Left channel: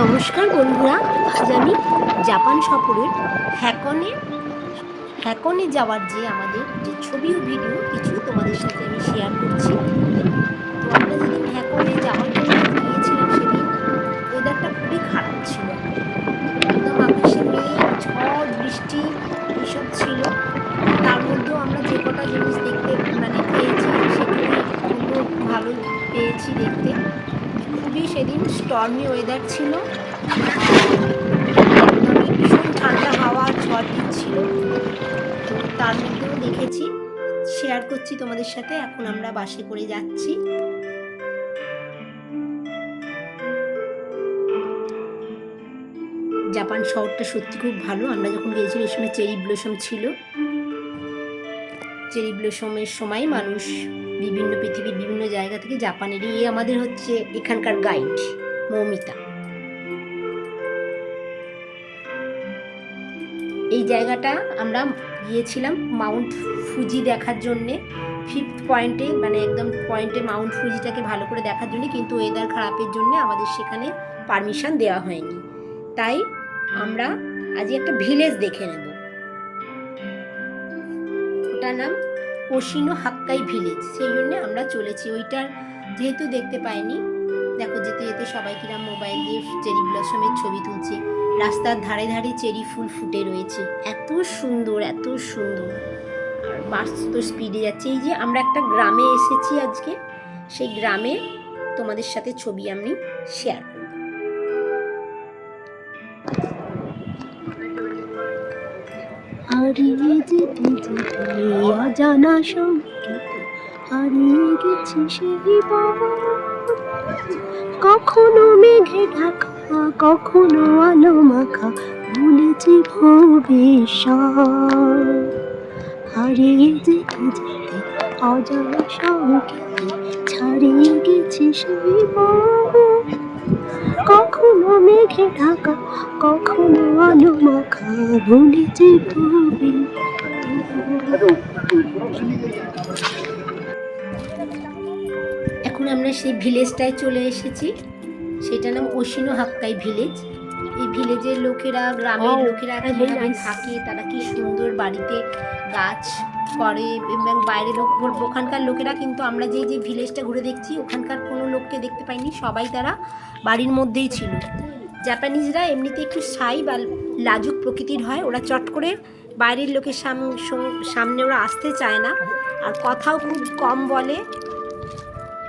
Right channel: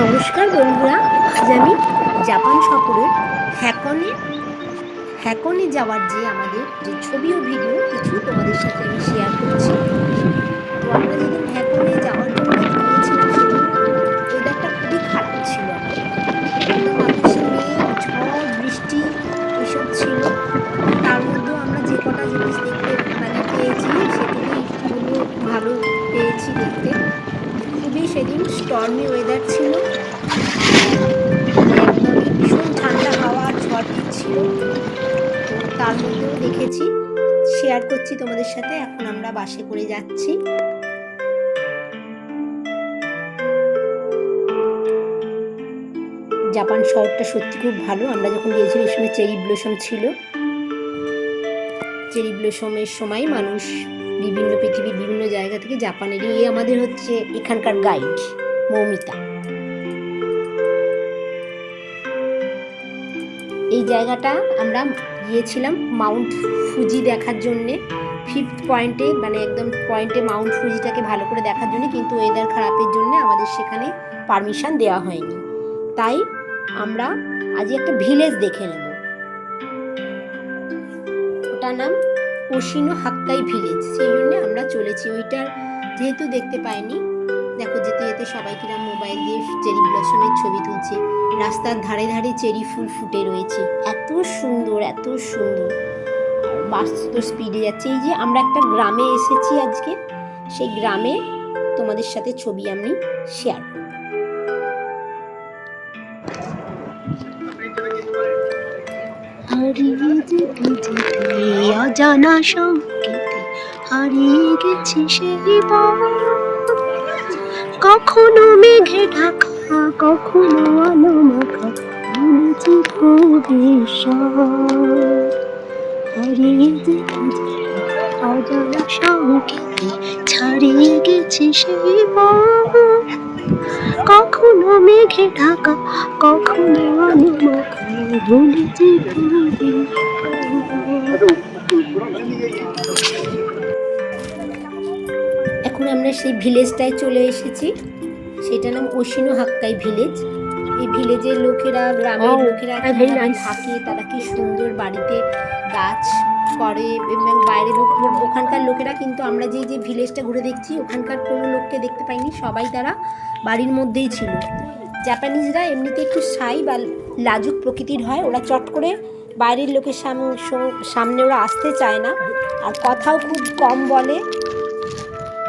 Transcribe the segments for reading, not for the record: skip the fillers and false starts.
নমস্কার বন্ধুরা, আজ আমি জাপান সফরের হ্যাকনে যাওয়ার যে আমাদের যে ছবি ও ভিডিও কিছু তোমাদের সাথে আমি শেয়ার করছি। তো আমরা যেদিন হ্যাকনে যাওয়ার জন্য গিয়েছিলাম সেদিন ওয়েদারটা খুবই খারাপ ছিল, আমাদের একদম আকাশে মেঘ, ঝড়, বৃষ্টি এসব ছিল। তার মধ্যেও আমরা যে কটা জিনিস দেখতে পেয়েছি সেটুকুই বলবো ভালো পেয়েছি দেখতে। খুবই সেদিন স্টর্মি ওয়েদার ছিল, আর একদমই ভীষণ ঠান্ডা হাওয়া ঝড় দিচ্ছিল। তো তার মধ্যেও দেখেছি, শেয়ার করছি তোমাদের সাথে। এখন আমরা বাসে করে যাচ্ছি। জাপান শহরটা সত্যি খুব ভালো। আমরা যখন গিয়েছিলাম এই সময় চেরি ব্লসম ছিল। চেরি ব্লসমের সময় মানুষ পৃথিবীর বিভিন্ন জায়গা থেকে জাপানের আমাদের হচ্ছে এখানকার গাইড মৌমিতা। এই জায়গাটা আমরা গিয়েছিলাম মাউন্ট ফুজি দেখার জন্যে, 5th পয়েন্টে, মানে একদম পয়েন্টে মাউন্ট ফুজিটাকে ভালো করে দেখার জন্য, কিন্তু ওয়েদার খারাপের জন্য আমাদের সেখানে পারমিশন দেওয়া হয়নি। তাই আমরা আজ একটা ভিলেজ দেখে নেব। ওটার নাম ওশিনো হাক্কাই ভিলেজ। সেই জন্য আমরা চলেছি। ওইটার যেহেতু দেখতে পাইনি, দেখো যেতে যেতে সবাই কিরম মোবাইল দিয়ে চেরি ব্লসমের ছবি তুলছে। রাস্তার ধারে ধারে চেরি ফুল ফুটে রয়েছে, এত সুন্দর এত সুন্দর। আর বাস তো স্পিডে যাচ্ছে। এই যে আমরা একটা গ্রামে এসেছি আজকে, সেই গ্রামে তোমাদের সাথে ছবি আমি শেয়ার করব। হারিয়ে যেতে অজানা সংকেতে হারিয়ে গেছি সেই পথ। কখনো মেঘে ঢাকা, কখনো আলো মাখা, ভুলেছি ভবিষ্যৎ। হারিয়ে যেতে অজানা সংকেতে ছাড়িয়ে গেছি সেই পথ। কখনো মেঘে ঢাকা, কখনো আলো মাখা, ভুলেছি এখন আমরা সেই ভিলেজটায় চলে এসেছি। সেটার নাম ওশিনো হাক্কাই ভিলেজ। এই ভিলেজের লোকেরা, গ্রামের লোকেরা কিভাবে থাকে, তারা কি সুন্দর বাড়িতে গাছ করে, এবং বাইরের লোক, ওখানকার লোকেরা কিন্তু আমরা যে যে ভিলেজটা ঘুরে দেখছি ওখানকার কোনো লোককে দেখতে পাইনি, সবাই তারা বাড়ির মধ্যেই ছিল। জাপানিজরা এমনিতে একটু সাই বা লাজুক প্রকৃতির হয়, ওরা চট করে বাইরের লোকের সামনে ওরা আসতে চায় না, আর কথাও খুব কম বলে,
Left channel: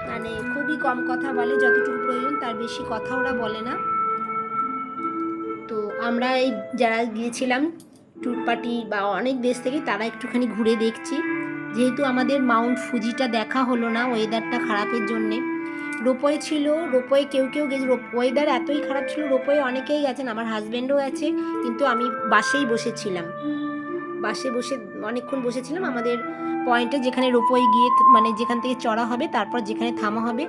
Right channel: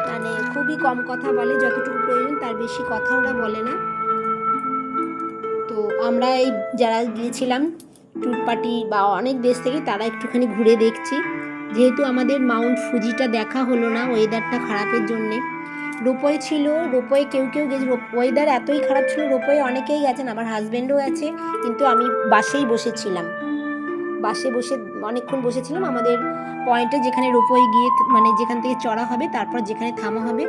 মানে খুবই কম কথা বলে, যতটুকু প্রয়োজন তার বেশি কথা ওরা বলে না। তো আমরা এই যারা গিয়েছিলাম ট্যুর পার্টি বা অনেক দেশ থেকে, তারা একটুখানি ঘুরে দেখছি। যেহেতু আমাদের মাউন্ট ফুজিটা দেখা হলো না ওয়েদারটা খারাপের জন্যে। রোপওয়ে ছিল, রোপওয়ে কেউ গেছে। ওয়েদার এতই খারাপ ছিল, রোপওয়ে অনেকেই গেছেন, আমার হাজব্যান্ডও গেছে, কিন্তু আমি বাসেই বসেছিলাম। বাসে বসে অনেকক্ষণ বসেছিলাম আমাদের পয়েন্টে, যেখানে রোপওয়ে গিয়ে, মানে যেখান থেকে চড়া হবে তারপর যেখানে থামা হবে।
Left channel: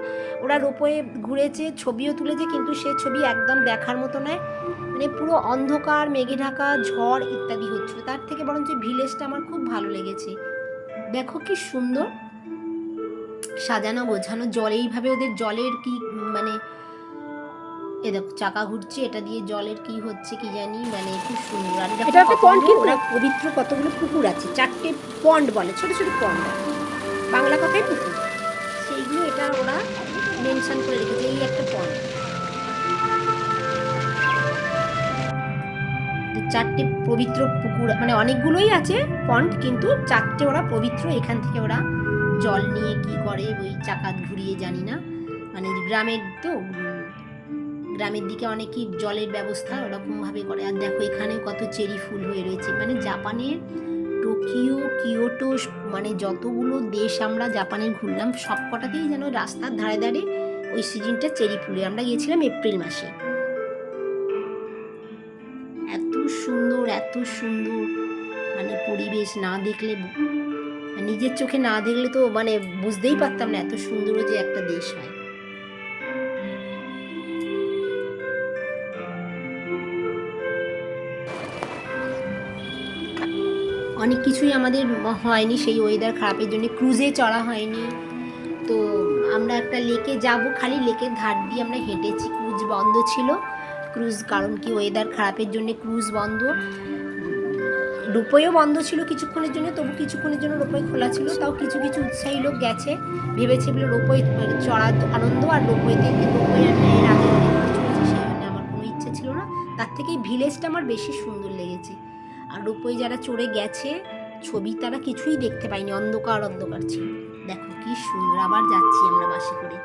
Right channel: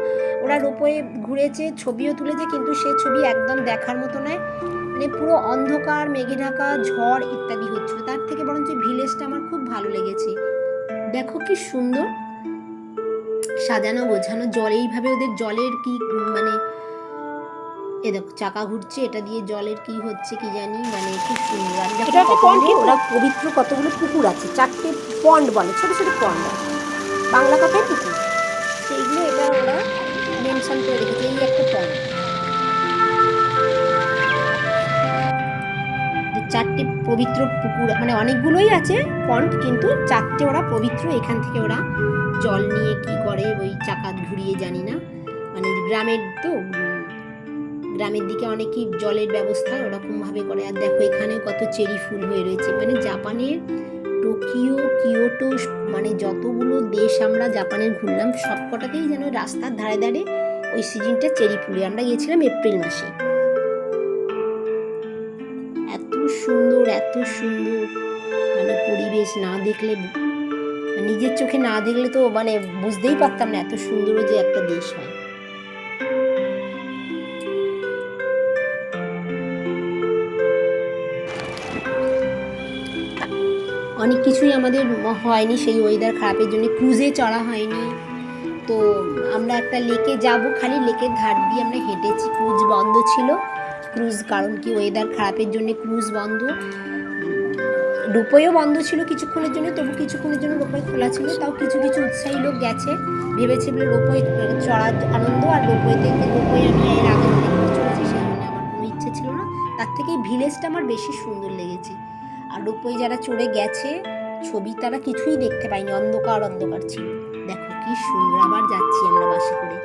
ওরা রোপওয়ে ঘুরেছে, ছবিও তুলেছে, কিন্তু সে ছবি একদম দেখার মতো নয়। মানে পুরো অন্ধকার, মেঘে ঢাকা, ঝড় ইত্যাদি হচ্ছিল। তার থেকে বরঞ্চ ভিলেজটা আমার খুব ভালো লেগেছে। দেখো কি সুন্দর সাজানো গোছানো। জল এইভাবে, ওদের জলের কি মানে, এ দেখো চাকা ঘুরছে, এটা দিয়ে জলের কি হচ্ছে কি জানি, মানে খুব সুন্দর। আর ওরা পবিত্র কতগুলো পুকুর আছে, 4টে পন্ড বলে, ছোট ছোট পন্ড, বাংলা কথায় পুকুর, সেইগুলো এটা ওরা মেনশন করে রেখেছে। এই একটা পন্ড, 4টে পবিত্র পুকুর, মানে অনেকগুলোই আছে পন্ড, কিন্তু 4টে ওরা পবিত্র। এখান থেকে ওরা জল নিয়ে কি করে, ওই চাকা ঘুরিয়ে জানি না, মানে গ্রামের তো, গ্রামের দিকে অনেকই জলের ব্যবস্থা ওরকমভাবে করে। আর দেখো এখানেও কত চেরি ফুল হয়ে রয়েছে। মানে জাপানের টোকিও, কিয়োটো, মানে যতগুলো দেশ আমরা জাপানের ঘুরলাম সবকটাতেই যেন রাস্তার ধারে ধারে ওই সিজনটা চেরি ফুলে। আমরা গিয়েছিলাম এপ্রিল মাসে। এত সুন্দর এত সুন্দর, মানে পরিবেশ না দেখলে, নিজের চোখে না দেখলে তো মানে বুঝতেই পারতাম না এত সুন্দর যে একটা দেশ হয়। অনেক কিছুই আমাদের হয়নি সেই ওয়েদার খারাপের জন্য, ক্রুজে চড়া হয়নি। তো আমরা একটা লেকে যাব, খালি লেকের ধার দিয়ে আমরা হেঁটেছি, ক্রুজ বন্ধ ছিল। ক্রুজ, কারণ কি ওয়েদার খারাপের জন্য ক্রুজ বন্ধ। রোপওয়েও বন্ধ ছিল কিছুক্ষণের জন্য, তবু কিছুক্ষণের জন্য রোপওয়ে খোলা ছিল। তাও কিছু কিছু উৎসাহী লোক গেছে, ভেবেছে বলে রোপওয়ে চড়ার আনন্দ। আর রোপওয়েতে, রোপওয়ে আমি এর আগে অনেকবার চড়েছি, সেই জন্য আমার কোনো ইচ্ছে ছিল না। তার থেকে এই ভিলেজটা আমার বেশি সুন্দর লেগেছে। আর রোপওয়ে যারা চড়ে গেছে ছবি তারা কিছুই দেখতে পায়নি, অন্ধকার অন্ধকার ছিল। দেখো কি সুন্দর। আবার যাচ্ছি আমরা বাসে করে।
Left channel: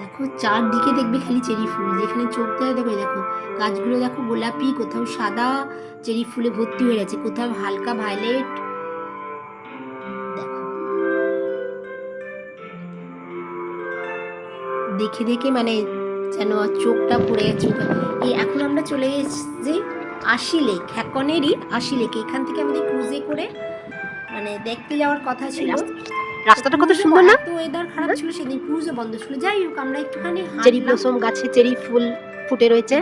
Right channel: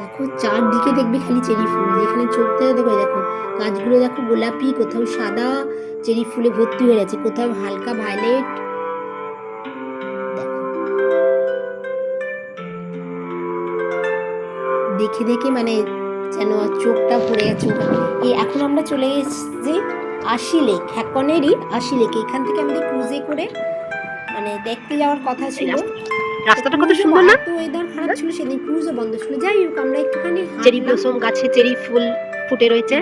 দেখো চারদিকে দেখবে খালি চেরি ফুল, যেখানে চোখ দেয় দেখো, দেখো গাছগুলো দেখো গোলাপি, কোথাও সাদা চেরি ফুলে ভর্তি হয়ে গেছে, কোথাও হালকা ভায়োলেট। দেখো দেখে দেখে মানে যেন চোখটা ভরে গেছে। এই এখন আমরা চলে গেছি আশি লেক, হ্যাকনেরই আশি লেক। এখান থেকে আমাদের ক্রুজে করে মানে দেখতে যাওয়ার কথা ছিল। রাস্তাটা কত সুন্দর না? তো ওয়েদার খারাপ ছিল সেদিন, ক্রুজও বন্ধ ছিল। যাই হোক আমরা একটুখানি চেরি ব্লসম গাছে চেরি ফুল ফুটে রয়েছে।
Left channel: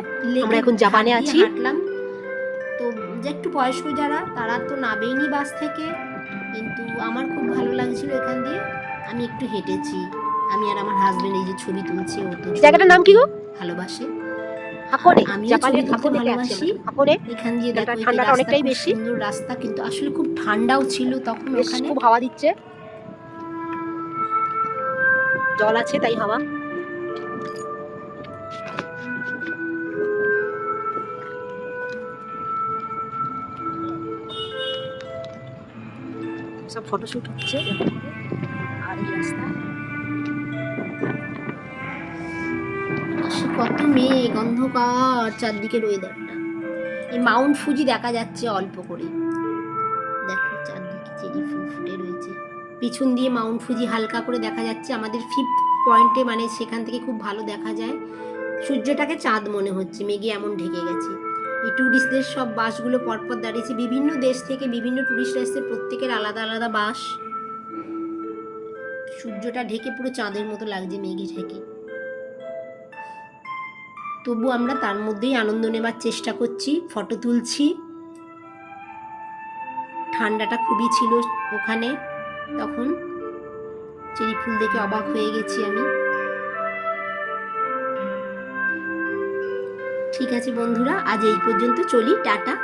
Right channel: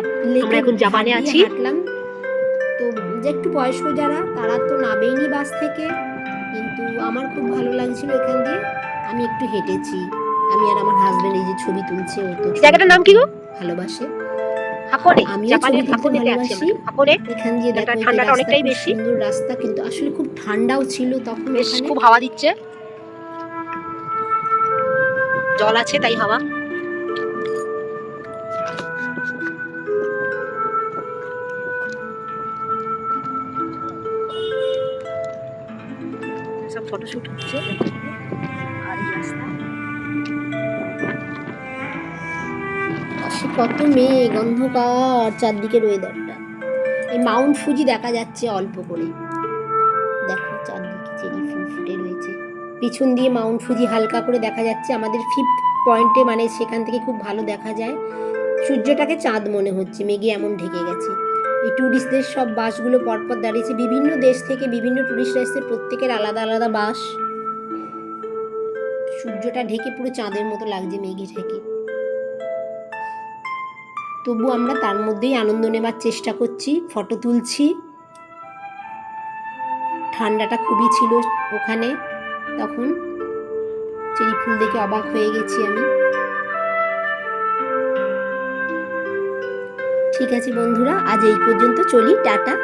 আমরা এখন জাপানে আছি। হাঁটলাম। তো যে একটু বয়স্ক যারা, তারা তো নাবেইনি বাস থেকে, কিন্তু আমার খুব ভালো লাগছিল এখান দিয়ে। আমি একটু হেঁটেছি, আমি আর আমার হাজবেন্ড। এই যে ছবি তুলছে, ও তো জায়গাটার নাম কি গো? ভালোবাসে। হাকোনে, আমিও জাপানের ছবি তুলতে হাকোনেতে আছি ভালোবাসি। আমরা। হাকোনে এখান দিয়ে দেখো ঠান্ডাটা অনেকটাই বেশি, সুন্দর রাস্তা, কিন্তু আসলে খুব ঠান্ডাও ছিল তখন। ওখানে খুব হাওয়া দিচ্ছে, জল আছে তাই হাওয়া। সব ফটোশুট হচ্ছে। আর এই রাস্তা কত মেঘ, অন্ধকার চারদিকের ওয়েদারটা। এই মাউন্ট ফুজি দেখা যাচ্ছে অল্প করে, দেখো চারদিকে চেরি ফুল ফুটে রয়েছে। পিছন দিয়ে মাউন্ট ফুজি হালকা করে দেখা যাচ্ছে। আমাদের 5th পয়েন্টে, মানে সেখান থেকে খুব ভালো দেখা যায়। সূর্যটাকে চাঁদ মনে হচ্ছে, মেঘে এমন ঢেকে গেছে। এই ট্যুরিস্টদের সব বাসগুলো পরপর দাঁড়িয়েছে, বিভিন্ন দেশ থেকে বিভিন্ন ট্যুরিস্টরা এসেছে, প্রত্যেকের আলাদা আলাদা বাস। সূর্যটা ঢেকে পুরো চাঁদের মতো লাগছে মেঘে ঢেকে। তবু আমরা তার মধ্যেই আনন্দ নেবার চেষ্টা করছি, ফটো তুলছি। ঠান্ডাটা খুবই ছিল ওখানে তখন, চেরি ফুল দেখে অবাক হয়ে গেছি আমি। ঠিক আছে বন্ধুরা, আজ এই পর্যন্ত, চলি, টাটা।